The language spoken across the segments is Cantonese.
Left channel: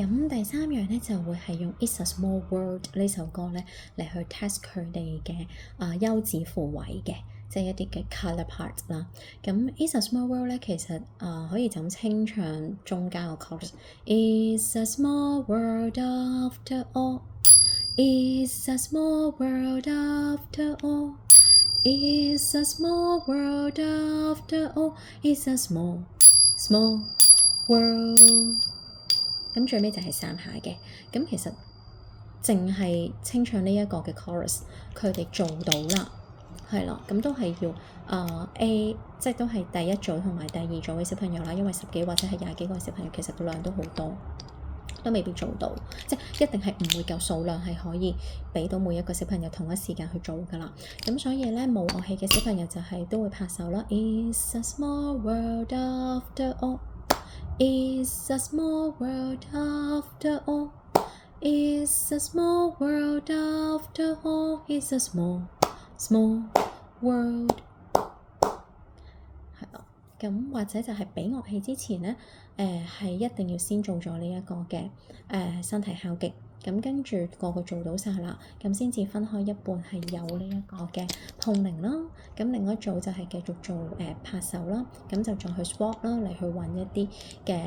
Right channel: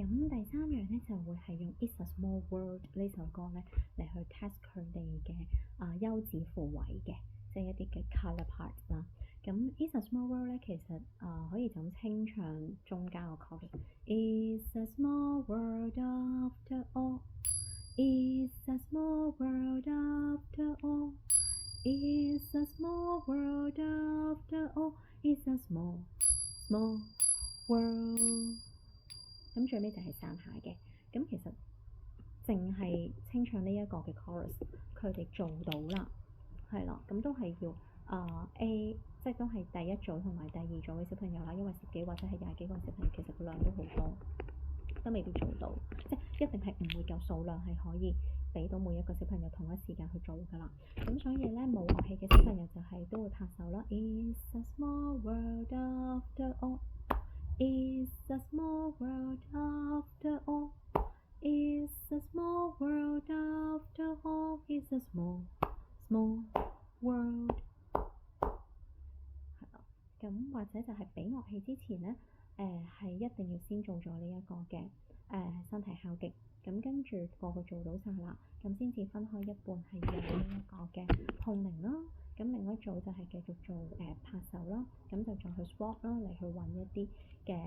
咁第三樣咧就會係用 It's a Small World 呢首歌咧嚟去 test 佢哋嘅休止符位嘅，即係一啲嘅 colour part 啦。咁 It's a Small World 咧其實可以就咁清唱中間個 chorus。It's a small world after all. It's a small world after all. It's a small world after all. It's a small world。咁最尾就係三下嘅。咁其實淨係清唱呢一個嘅 chorus， 佢哋做到啦，係啦。咁都係要A， 即係都係第一組同埋第二組嘅小朋友啦。因為10幾或者係20幾個小朋友，其實量都好多，都未必做到，即係一定係唔會夠數量係可以俾到每一個小朋友同一時間去做㗎啦。咁所以咧冇樂器嘅小朋友就係都會拍手啦。It's a small world after all. It's a small world after all. It's a small world after all. It's a small world。係啦，咁或者就係俾樂器之前咧，係一定要先做咗呢一個嘅身體敲擊。咁跟住個個做到晒啦，咁先至分開一半係有呢一個嘅碰鈴啦。咁另一組就係繼續做拍手啦，咁就再去 swap 啦，嚟去揾一啲嘅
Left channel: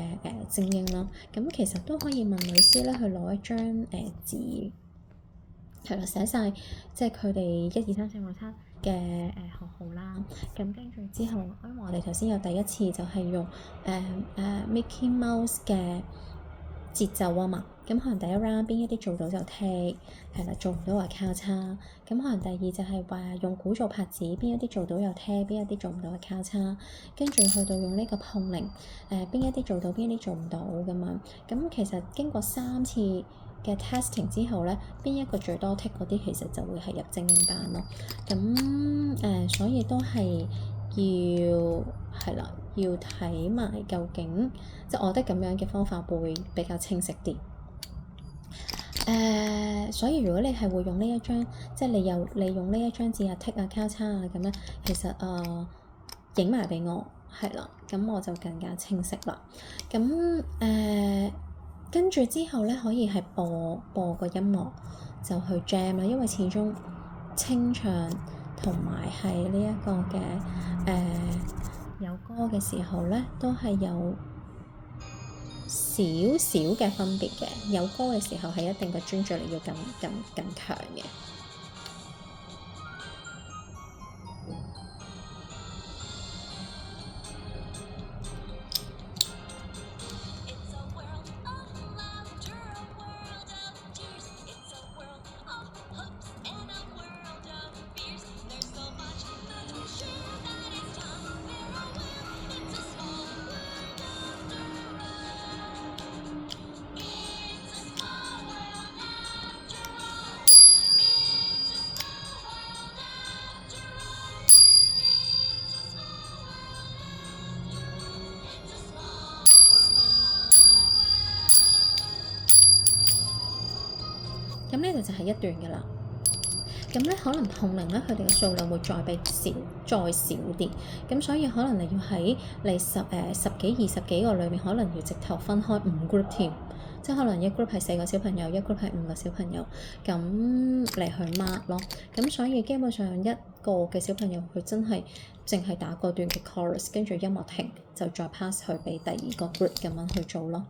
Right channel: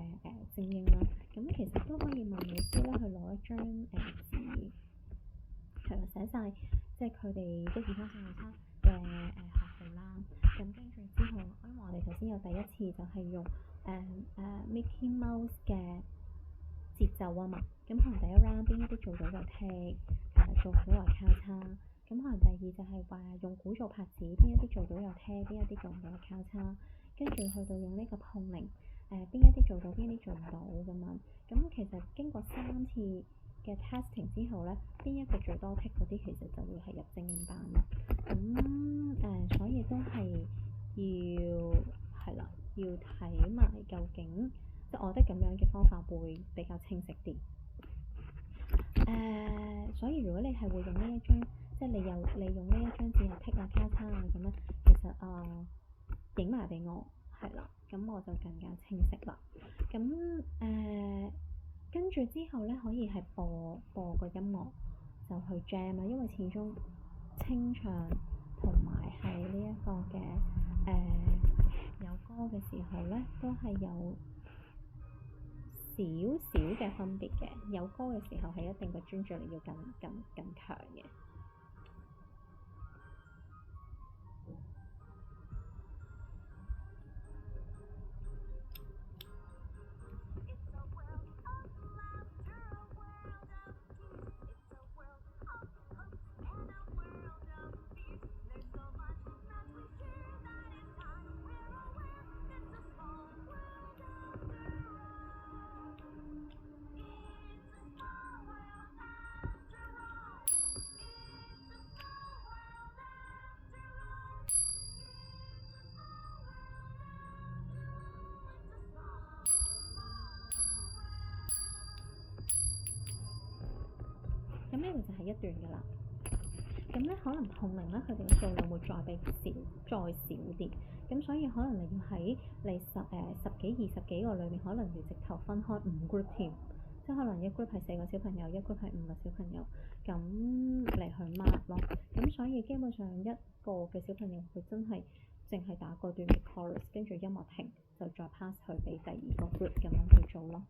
精英啦。咁其實都可以問老師咧去攞一張紙，係啦，寫晒即係佢哋1、2、3、4、5、7嘅學號啦。咁跟住之後，因為我哋頭先有第一次就係用Mickey Mouse 嘅節奏啊嘛，咁可能第一 round 邊一啲做到就踢，係啦，做唔到話交叉。咁可能第二就係話用鼓做拍子，邊一啲做到又踢，邊一啲做唔到嘅交叉。跟住去到用呢個碰鈴，邊一啲做到，邊一啲做唔到咁樣。咁其實經過3次嘅 testing 之後咧，邊一個最多剔嗰啲其實就會係入精英班咯。咁所以都係係啦，要睇埋究竟，即係我覺得咁樣嘅方法會比較清晰啲。所以如果你係會用呢一張，即係你用呢一張紙啊、剔啊、交叉啊咁樣，其實影埋俾我，係啦，咁我就更加清晰啦。咁跟住之後咧，可以係播個音樂就去 jam 啦，因為始終清唱同埋係呢一個嘅有歌嘅時候咧，都係有少少嘅分別嘅。有歌嘅時候係一定個專注力要更強嘅。咁呢度就係一段嘅啦。咁咧可能碰鈴咧，佢哋嘅數量會再少啲。咁所以可能你要喺你十幾20幾個裏面，可能要直頭分開5 group 添。即係可能一 group 係4個小朋友，一 group 係5個小朋友，咁嚟去 mark 咯。咁所以基本上一個嘅小朋友佢真係淨係打嗰段嘅 chorus，跟住音樂停就再 pass 去俾第二個 group 咁樣去做咯。